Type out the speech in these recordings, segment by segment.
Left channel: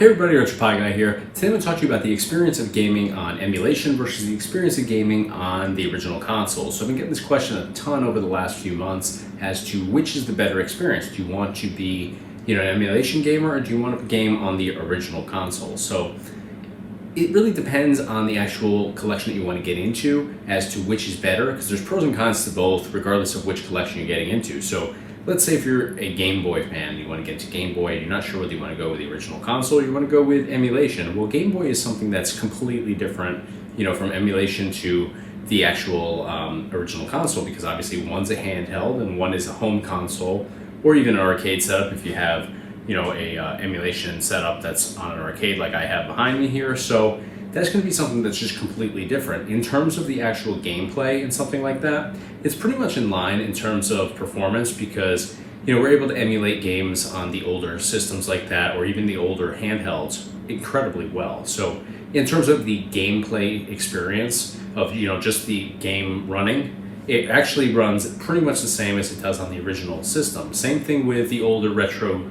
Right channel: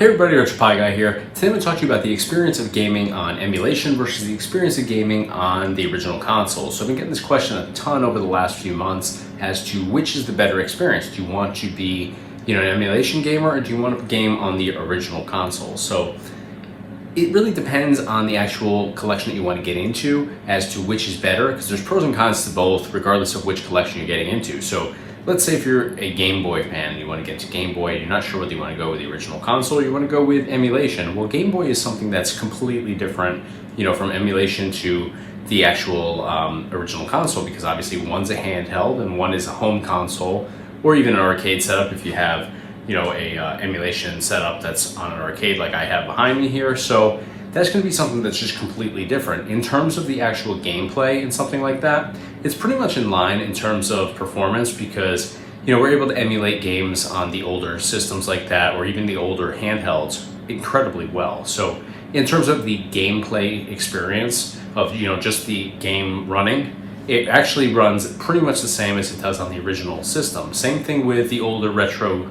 Hey everybody, RetroPie guy here. Today I'm going to talk to you about the experience of gaming on emulation versus the experience of gaming on the original console. So I've been getting this question a ton over the last few months as to which is the better experience. Do you want to be, an emulation gamer, or do you want to game on the original console? So it really depends on the actual collection that you want to get into as to which is better, because there's pros and cons to both regardless of which collection you're getting into. So let's say if you're a Game Boy fan, you want to get to Game Boy, you're not sure whether you want to go with the original console, you want to go with emulation. Well, Game Boy is something that's completely different, from emulation to the actual original console, because obviously one's a handheld and one is a home console, or even an arcade setup if you have, a emulation setup that's on an arcade like I have behind me here. So that's going to be something that's just completely different. In terms of the actual gameplay and something like that, it's pretty much in line in terms of performance, because we're able to emulate games on the older systems like that, or even the older handhelds, incredibly well. So in terms of the gameplay experience of just the game running, it actually runs pretty much the same as it does on the original system. Same thing with the older retro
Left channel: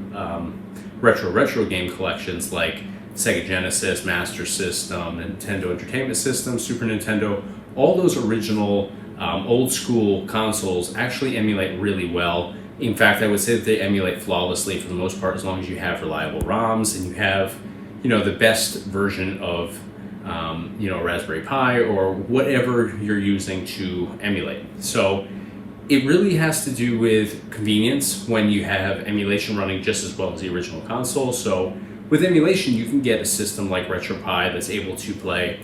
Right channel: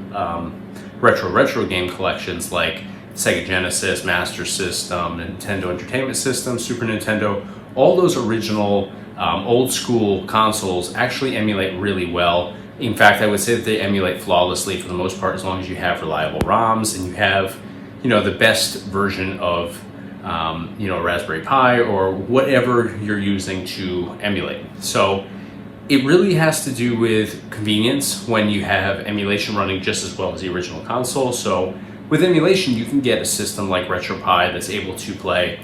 game collections like Sega Genesis, Master System, Nintendo Entertainment System, Super Nintendo. All those original old school consoles actually emulate really well. In fact, I would say that they emulate flawlessly for the most part, as long as you have reliable ROMs and you have the best version of a Raspberry Pi or whatever you're using to emulate. So it really has to do with convenience when you have emulation running just as well as the original console. So with emulation, you can get a system like RetroPie that's able to play,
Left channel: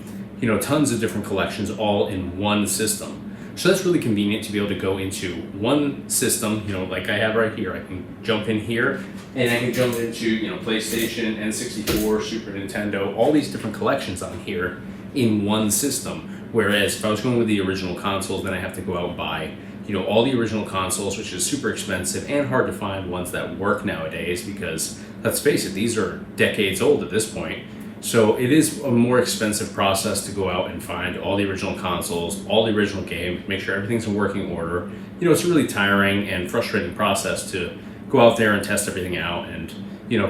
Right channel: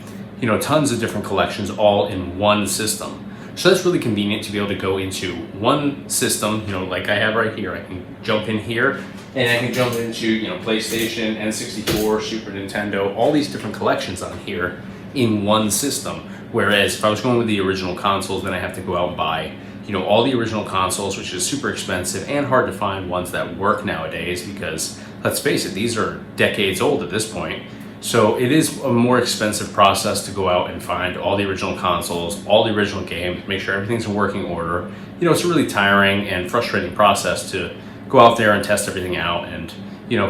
tons of different collections all in one system. So that's really convenient to be able to go into one system, like I have right here. I can jump in here and I can jump into, PlayStation, N64, Super Nintendo, all these different collections on here in one system. Whereas if I was going with the original consoles, then I have to go out and buy, all the original consoles, which is super expensive and hard to find ones that work nowadays, because let's face it, these are decades old at this point. So it is a more expensive process to go out and find all the original consoles, all the original games, make sure everything's in working order. It's a really tiring and frustrating process to go out there and test everything out and,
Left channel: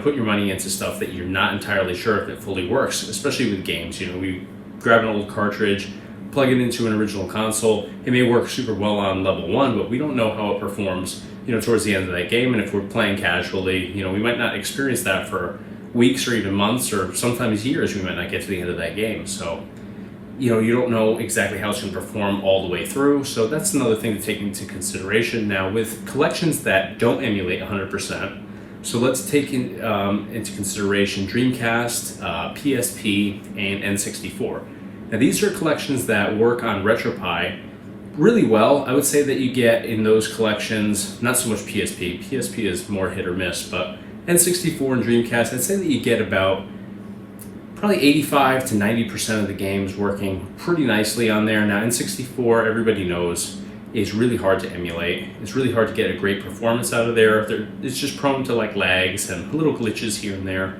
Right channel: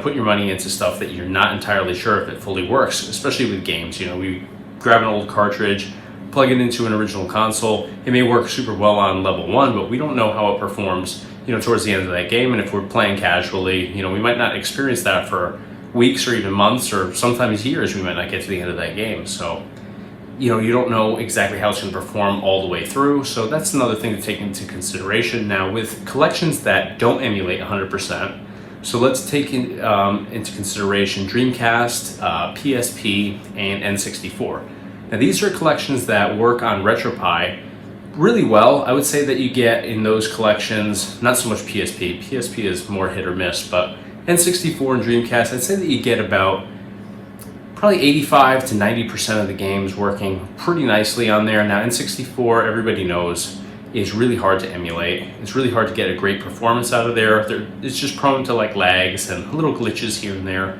put your money into stuff that you're not entirely sure if it fully works, especially with games. We grab an old cartridge, plug it into an original console. It may work super well on level 1, but we don't know how it performs, towards the end of that game. And if we're playing casually, we might not experience that for weeks or even months, or sometimes years. We might not get to the end of that game. So, you don't know exactly how it's going to perform all the way through. So that's another thing to take into consideration. Now, with collections that don't emulate 100%, so let's take into consideration Dreamcast, PSP, and N64. Now, these are collections that work on RetroPie really well. I would say that you get in those collections, not so much PSP. PSP is more hit or miss, but N64 and Dreamcast, I'd say that you get about probably 85 to 90% of the games working pretty nicely on there. Now, N64, everybody knows, is really hard to emulate. It's really hard to get a great performance out of there. It's just prone to lags and little glitches here and there.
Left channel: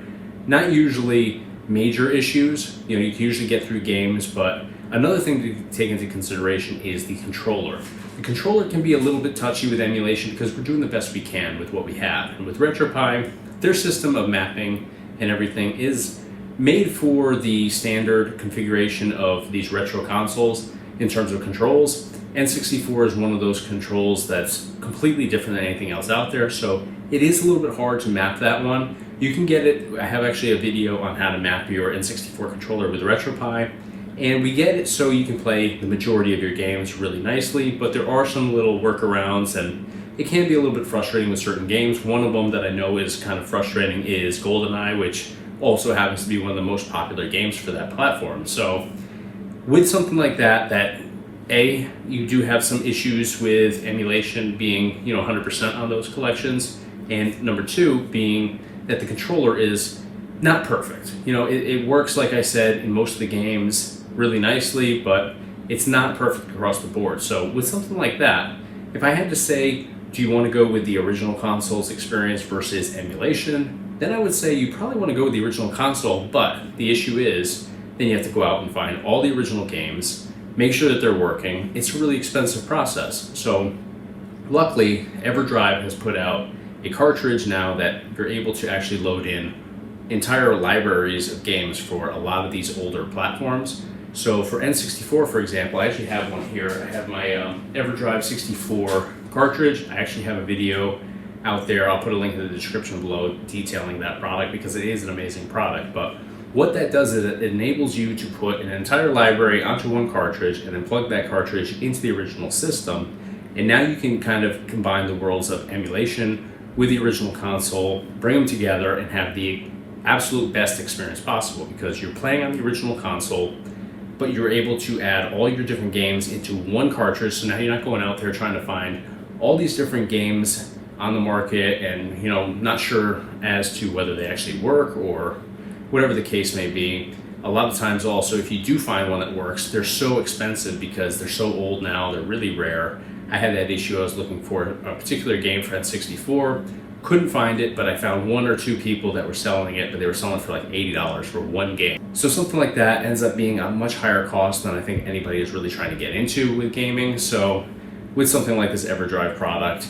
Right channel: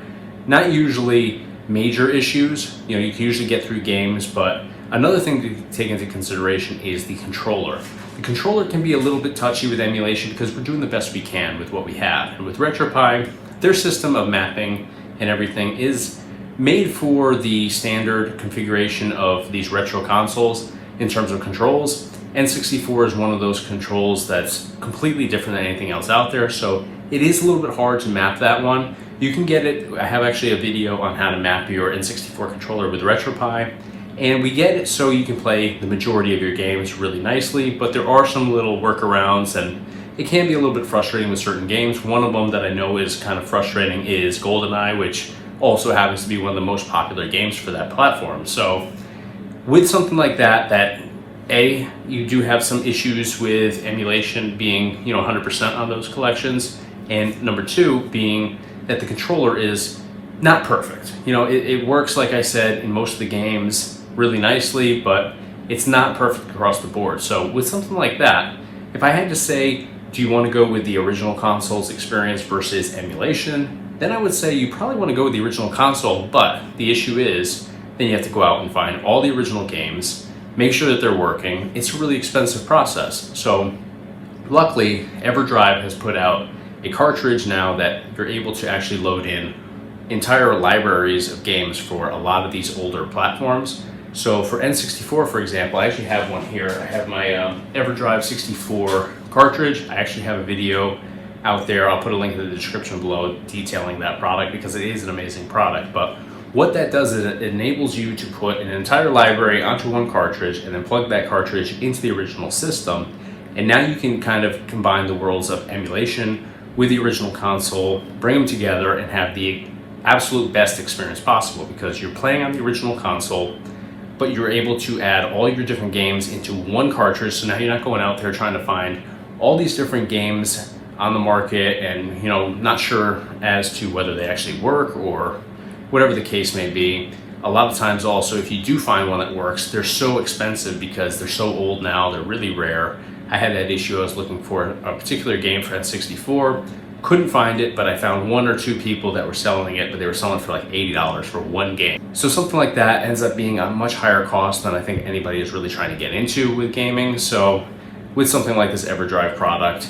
Not usually major issues. You can usually get through games, but another thing to take into consideration is the controller. The controller can be a little bit touchy with emulation because we're doing the best we can with what we have. And with RetroPie, their system of mapping and everything is made for the standard configuration of these retro consoles in terms of controls. N64 is one of those controls that's completely different than anything else out there, so it is a little bit hard to map that one. You can get it, I have actually a video on how to map your N64 controller with RetroPie. And we get it so you can play the majority of your games really nicely, but there are some little workarounds, and it can be a little bit frustrating with certain games. One of them that I know is kind of frustrating is Goldeneye, which also happens to be one of the most popular games for that platform. So with something like that, A, you do have some issues with emulation being 100% on those collections, and number 2 being that the controller is not perfect. It works, like I said, in most of the games really nicely, but it's not perfect across the board. So with something like that, if I had to say, do you want to go with the original console's experience versus emulation, then I would say you probably want to go with the original console, but the issue is then you have to go out and find all the original games, make sure that they're working. It's a really expensive process. So luckily, EverDrive has put out a cartridge now that you're able to actually load in entire libraries of games for a lot of these older platforms. So for N64, for example, I actually have one here. I have my EverDrive 64 cartridge. I actually have a video out there. I'll put a link in the description below detailing that product because it is an amazing product. But what that does is it enables you to put an entire library onto one cartridge and then plug that cartridge into the original system. And now you can kind of combine the worlds of emulation with the original console, bring them together, and have the absolute best experience possible because you're playing on the original console, but you're able to add all your different games into one cartridge. So now you're not going out there trying to find all these different games on the market and, you know, not sure as to whether they actually work or whatever the case may be. A lot of times also, if you do find one that works, they're so expensive because they're so old now, they're really rare. I had that issue. I was looking for a particular game for N64, couldn't find it, but I found one or two people that were selling it, but they were selling for like $80 for one game. So something like that ends up being a much higher cost than I think anybody is really trying to get into with gaming. So with something like this EverDrive product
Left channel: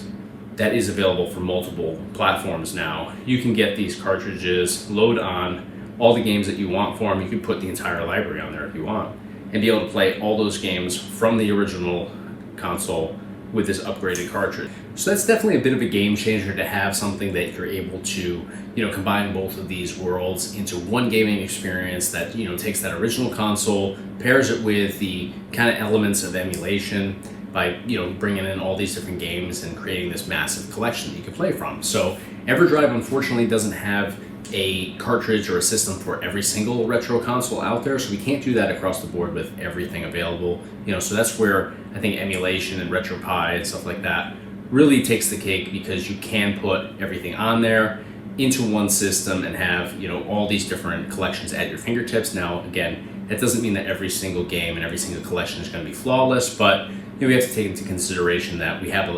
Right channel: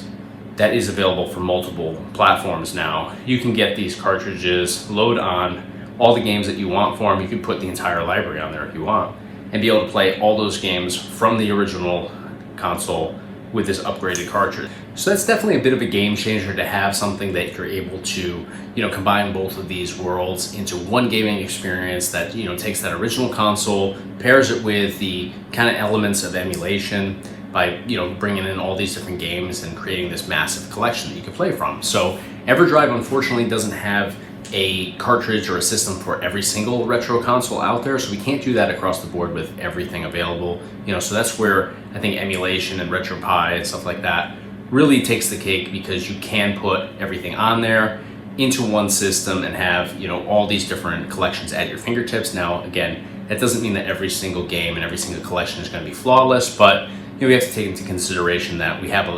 that is available for multiple platforms now, you can get these cartridges, load on all the games that you want for them. You can put the entire library on there if you want and be able to play all those games from the original console with this upgraded cartridge. So that's definitely a bit of a game changer to have something that you're able to, you know, combine both of these worlds into one gaming experience that, you know, takes that original console, pairs it with the kind of elements of emulation by, you know, bringing in all these different games and creating this massive collection that you can play from. So EverDrive unfortunately doesn't have a cartridge or a system for every single retro console out there, so we can't do that across the board with everything available. You know, so that's where I think emulation and RetroPie and stuff like that really takes the cake, because you can put everything on there into one system and have, you know, all these different collections at your fingertips. Now, again, that doesn't mean that every single game and every single collection is going to be flawless, but you know, we have to take into consideration that we have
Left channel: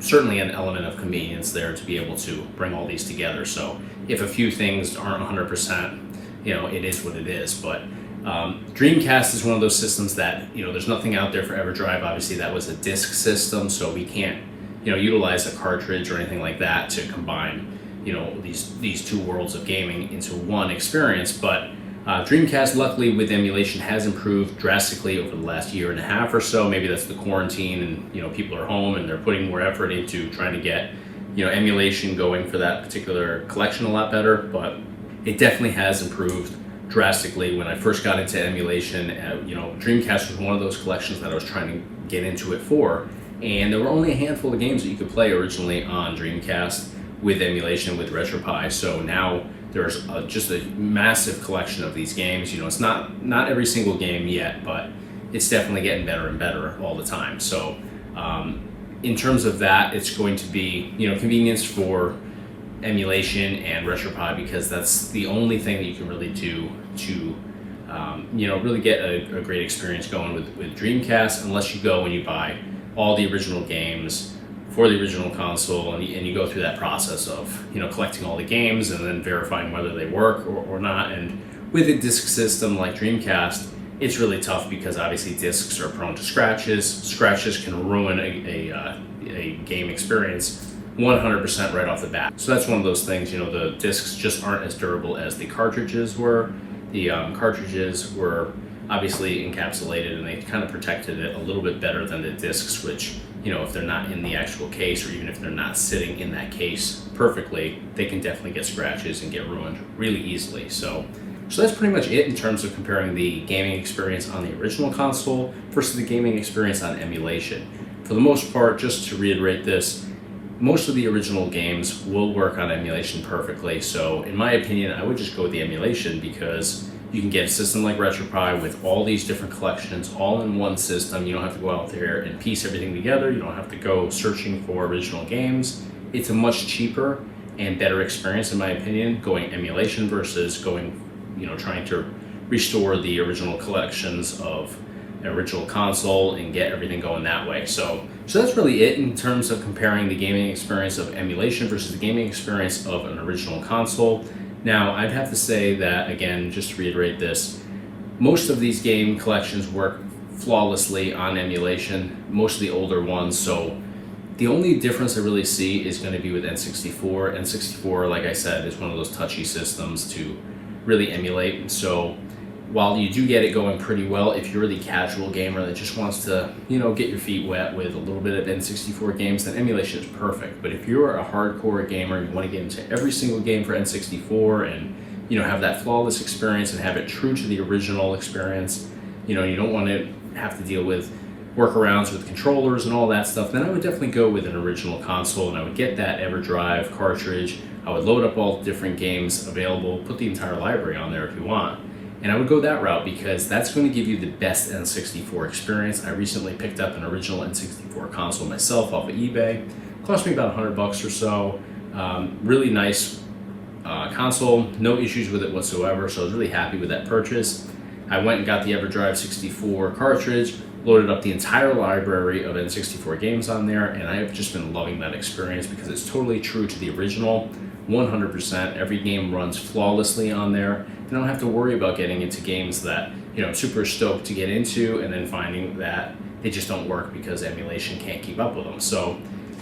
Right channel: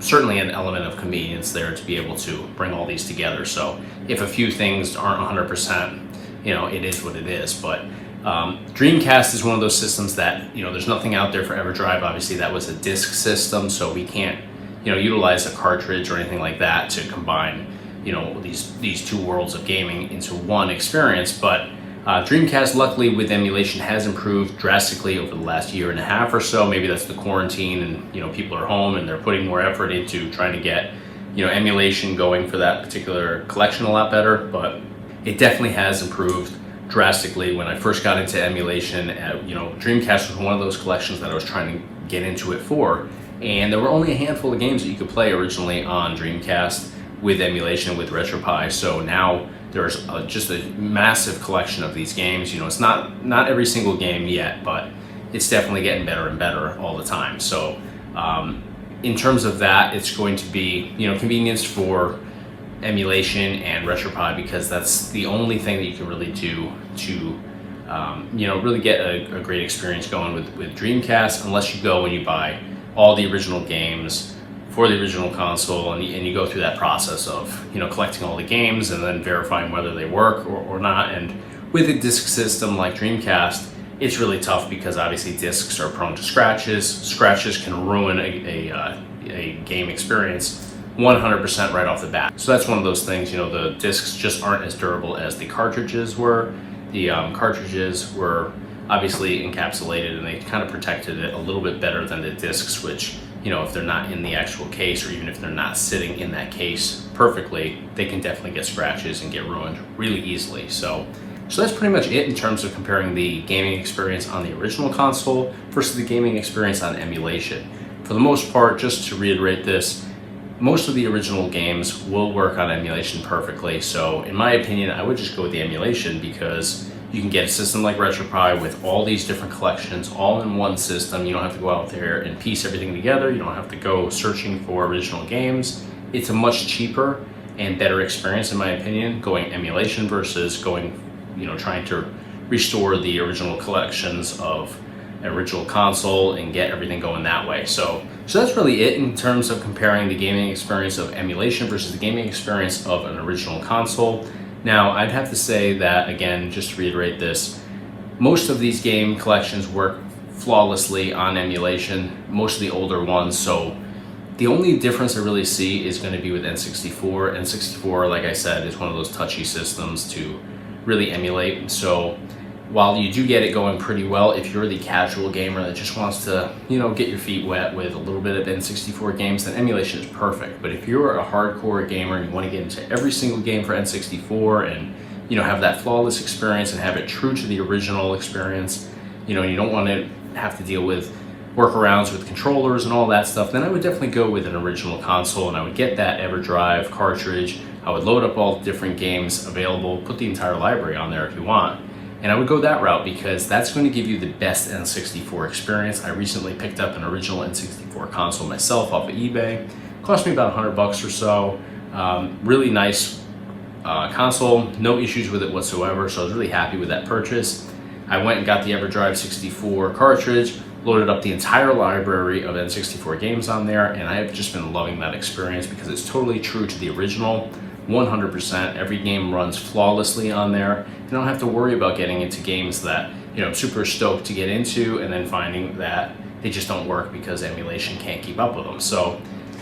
certainly an element of convenience there to be able to bring all these together. So if a few things aren't 100%, you know, it is what it is. But Dreamcast is one of those systems that, you know, there's nothing out there for EverDrive. Obviously, that was a disc system, so we can't, you know, utilize a cartridge or anything like that to combine, you know, these two worlds of gaming into one experience. But Dreamcast, luckily, with emulation, has improved drastically over the last year and a half or so. Maybe that's the quarantine and, you know, people are home and they're putting more effort into trying to get, you know, emulation going for that particular collection a lot better. But it definitely has improved drastically. When I first got into emulation, you know, Dreamcast was one of those collections that I was trying to get into it for. And there were only a handful of games that you could play originally on Dreamcast with emulation, with RetroPie. So now there's just a massive collection of these games. You know, it's not every single game yet, but it's definitely getting better and better all the time. So in terms of that, it's going to be, you know, convenience for emulation and RetroPie, because that's the only thing that you can really do to you know, really get a great experience going with Dreamcast, unless you go and you buy all the original games for the original console, and you go through that process of, you know, collecting all the games and then verifying whether they work or not. And with a disc system like Dreamcast, it's really tough because obviously discs are prone to scratches. Scratches can ruin a game experience 100% right off the bat. So that's one of those things, you know, the discs just aren't as durable as the cartridges were. The cartridges were obviously encapsulated and they kind of protected it a little bit better than the discs, which, you know, if they're not in the actual case, or even if they're not sitting in that case perfectly, they can definitely get scratches and get ruined really easily. So that's pretty much it in terms of comparing the gaming experience on the original console versus the gaming experience on emulation. For the most part, just to reiterate this, most of the original games will work on emulation perfectly. So in my opinion, I would just go with the emulation, because you can get a system like RetroPie with all these different collections all in one system. You don't have to go out there and piece everything together. You don't have to go searching for original games. It's a much cheaper and better experience, in my opinion, going emulation versus going, you know, trying to restore the original collections of an original console and get everything going that way. So that's really it in terms of comparing the gaming experience of emulation versus the gaming experience of an original console. Now, I'd have to say that, again, just to reiterate this, most of these game collections work flawlessly on emulation, most of the older ones. So The only difference I really see is going to be with N64. N64, like I said, is one of those touchy systems to really emulate. So while you do get it going pretty well, if you're the casual gamer that just wants to, get your feet wet with a little bit of N64 games, then emulation is perfect. But if you're a hardcore gamer and you want to get into every single game for N64 and, have that flawless experience and have it true to the original experience, you don't want to have to deal with workarounds with controllers and all that stuff, then I would definitely go with an original console, and I would get that EverDrive cartridge. I would load up all the different games available, put the entire library on there if you want. And I would go that route because that's going to give you the best N64 experience. I recently picked up an original N64 console myself off of eBay. It cost me about $100 or so. Really nice console, no issues with it whatsoever, so I was really happy with that purchase. I went and got the EverDrive 64 cartridge, loaded up the entire library of N64 games on there, and I have just been loving that experience because it's totally true to the original, 100%. Every game runs flawlessly on there. You don't have to worry about getting into games that I'm super stoked to get into and then finding that they just don't work because emulation can't keep up with them. So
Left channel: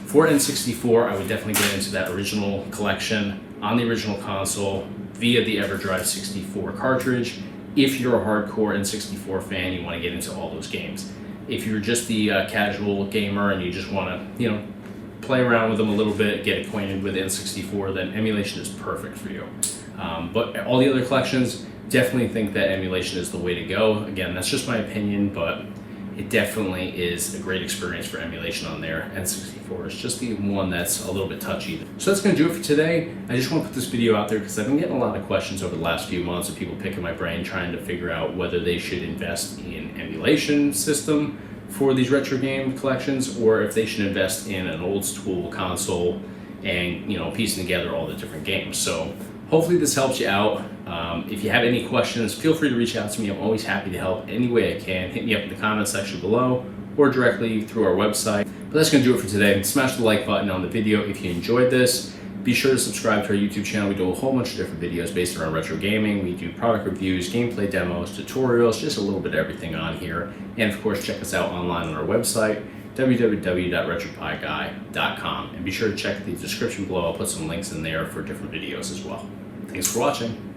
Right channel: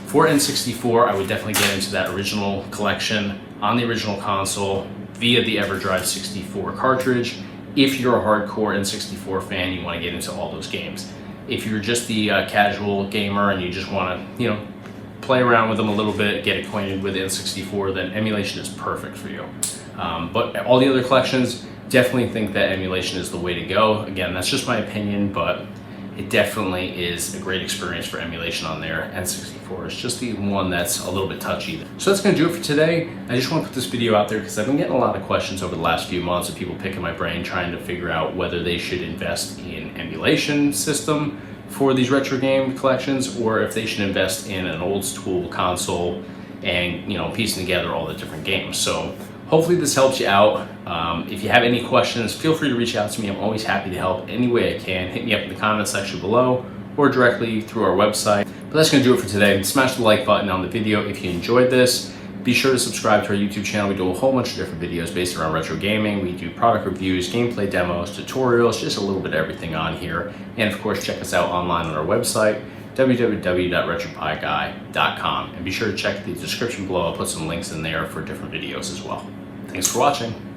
for N64, I would definitely get into that original collection on the original console via the EverDrive 64 cartridge. If you're a hardcore N64 fan, you want to get into all those games. If you're just the casual gamer and you just want to, play around with them a little bit, get acquainted with N64, then emulation is perfect for you. But all the other collections, definitely think that emulation is the way to go. Again, that's just my opinion, but it definitely is a great experience for emulation on there. N64 is just the one that's a little bit touchy. So that's going to do it for today. I just want to put this video out there because I've been getting a lot of questions over the last few months of people picking my brain trying to figure out whether they should invest in emulation system for these retro game collections or if they should invest in an old school console and piecing together all the different games. So hopefully this helps you out. If you have any questions, feel free to reach out to me. I'm always happy to help any way I can. Hit me up in the comment section below or directly through our website. But that's going to do it for today. Smash the like button on the video if you enjoyed this. Be sure to subscribe to our YouTube channel. We do a whole bunch of different videos based around retro gaming. We do product reviews, gameplay demos, tutorials, just a little bit of everything on here. And of course, check us out online on our website, www.retropieguy.com. And be sure to check the description below. I'll put some links in there for different videos as well. Thanks for watching.